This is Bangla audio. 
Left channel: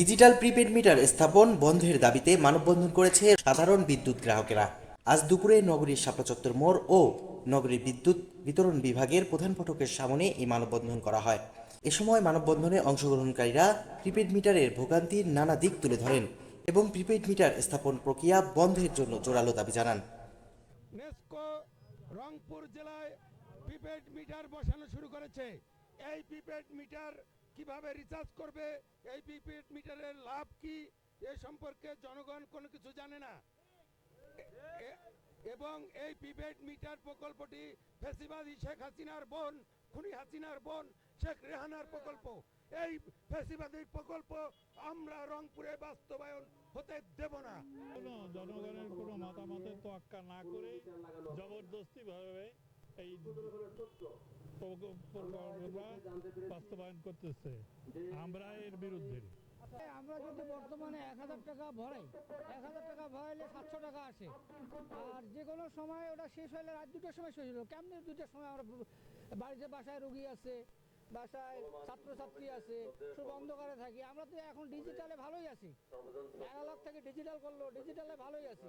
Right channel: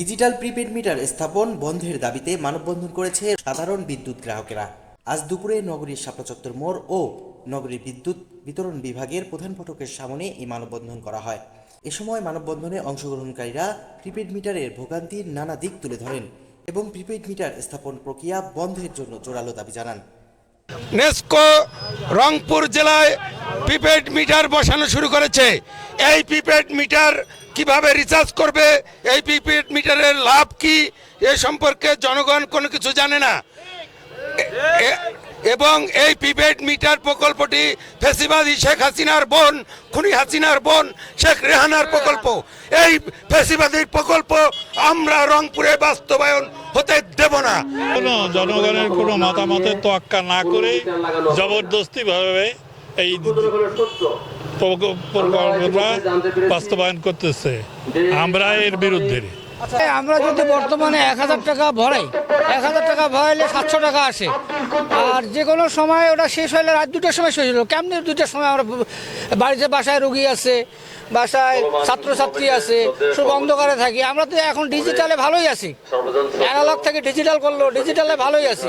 ডিজিটাল প্রিপেড মিটার স্থাপন বন্ধের দাবিতে মানববন্ধন করেছে সাধারণ বিদ্যুৎ গ্রাহকেরা। আজ দুপুরে নগরীর শাপলা চত্বর মোড় ও নগরীর বিদ্যুৎ বিতরণ বিভাগের প্রধান ফটকের সামনে এই মানববন্ধন করা হয়। এ সময় মানববন্ধনে অংশগ্রহণকারীরা প্রিপেড মিটারের ভোগান্তির নানা দিক তুলে ধরেন এবং প্রিপেড মিটার স্থাপন প্রক্রিয়া বন্ধের জন্য জোরালো দাবি জানান। নেস্কো রংপুর জেলায় প্রিপেড মিটার বসানো শুরু করেছে। এই প্রিপেড মিটার কীভাবে রিচার্জ করবে? এই প্রিপেড মিটারের লাভ কি? এ সম্পর্কে জনগণ কোনো কিছু জানে না। এবং এই প্রিপেড মিটার প্রকল্পটি ফেসিবাদী শেখ হাসিনার বোন, খুনি হাসিনার বোন, শেখ রেহানার প্রকল্প। এই ফেসিবাদী প্রকল্প আমরা রংপুরে বাস্তবায়ন হতে দেব না। কোনো জনগণের কোনো মতামতের তোয়াক্কা না করে জবরদস্তি ভাবে এই প্রক- প্রকল্পটা বাস্তবায়ন করতেছে। আমরা এর বিরুদ্ধে। আমরা যদি বর্তমানে এক হাজার টাকা ভরাই। এক হাজার টাকা ভরাইলে সাতশো টাকা আসে। আর যে কোনো সময় ওটা শেষ হলে রাত দুটোর সময় শেষ হলো কেমনি দুটার সময় আমরা বাড়িতে বাসায় রুগী আছে, বাসায় ছাত্রছাত্রী আছে সব অন্ধকারে থাকি। আমরা তো এখন ডিজিটালে ভালোই আছি। অ্যানালগ থেকে ডিজিটাল করল ডিজিটালে ভালোই আছি।